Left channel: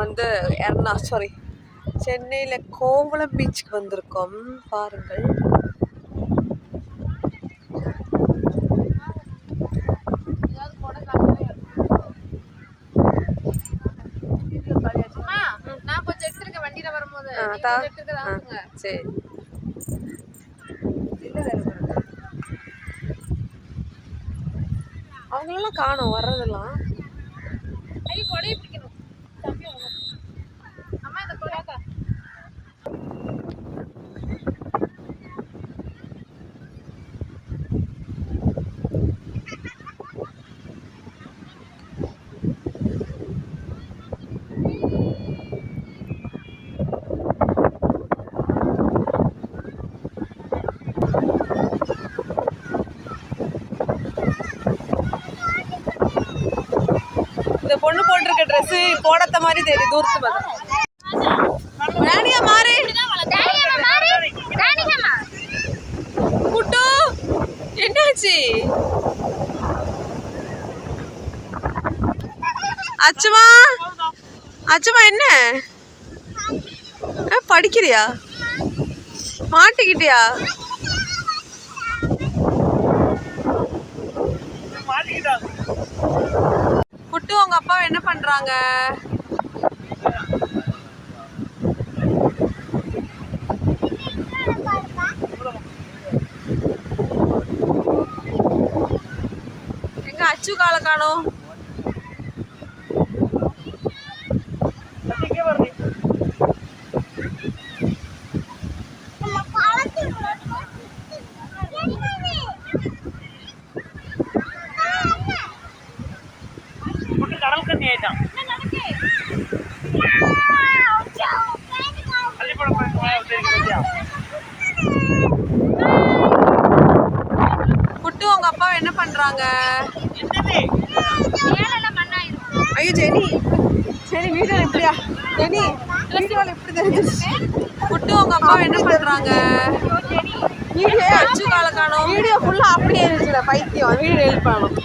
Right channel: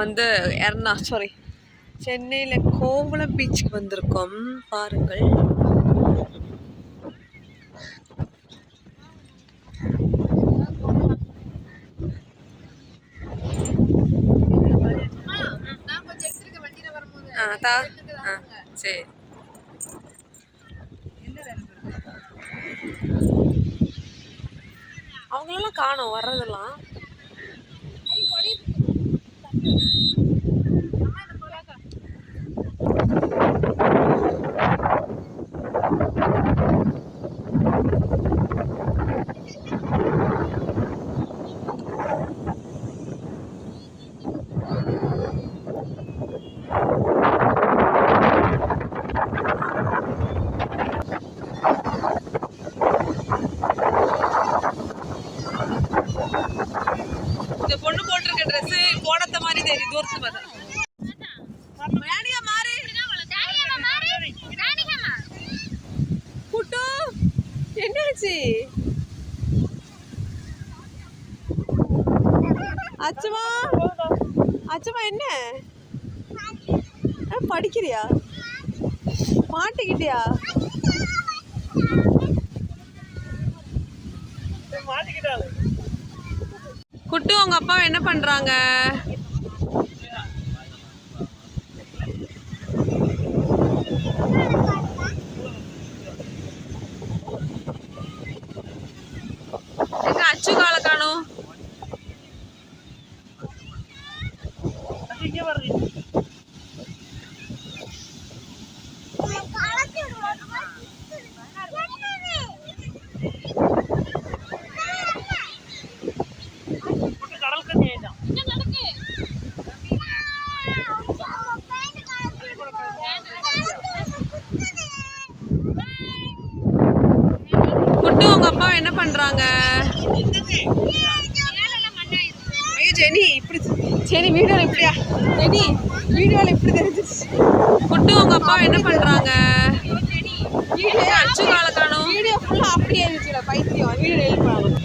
வந்து சாரி சென்னையில் கோவளம் பீச்சுக்கு வந்திருக்கோம். பாருங்கள். சரி, அவங்களெல்லாம் காணோம் வர்றதெல்லாம். இந்த பொண்ணு போட்டிருக்க ட்ரெஸ் போடாத மாதிரி தெரியுது தூரத்து பார்த்து. ராணியா மாறு. குட்டு என்னாச்சு? அச்சுமா அச்சுமா என்ன படிக்கிறியா? மாட்டிக்கிட்டியா? குட்டு உங்க அப்பா என்ன பண்றாங்க? எங்க அச்சு காலை காணோம். குட்டு உங்க அப்பா என்ன பண்றாங்க? ஐயோ ஜெனி இப்படி சரி வீடியோல இப்படியா ஜெனி வீடியோல இப்படி தெரிஞ்சிருச்சு. குட்டு உங்க அப்பா என்ன பண்றாங்க? வீடியோ அச்சு காலை காணோம். வீடியோ ஃபுல்லா அப்படியே இருந்துச்சுடா பைத்தியம். வீடியோ எழுப்பானோம்.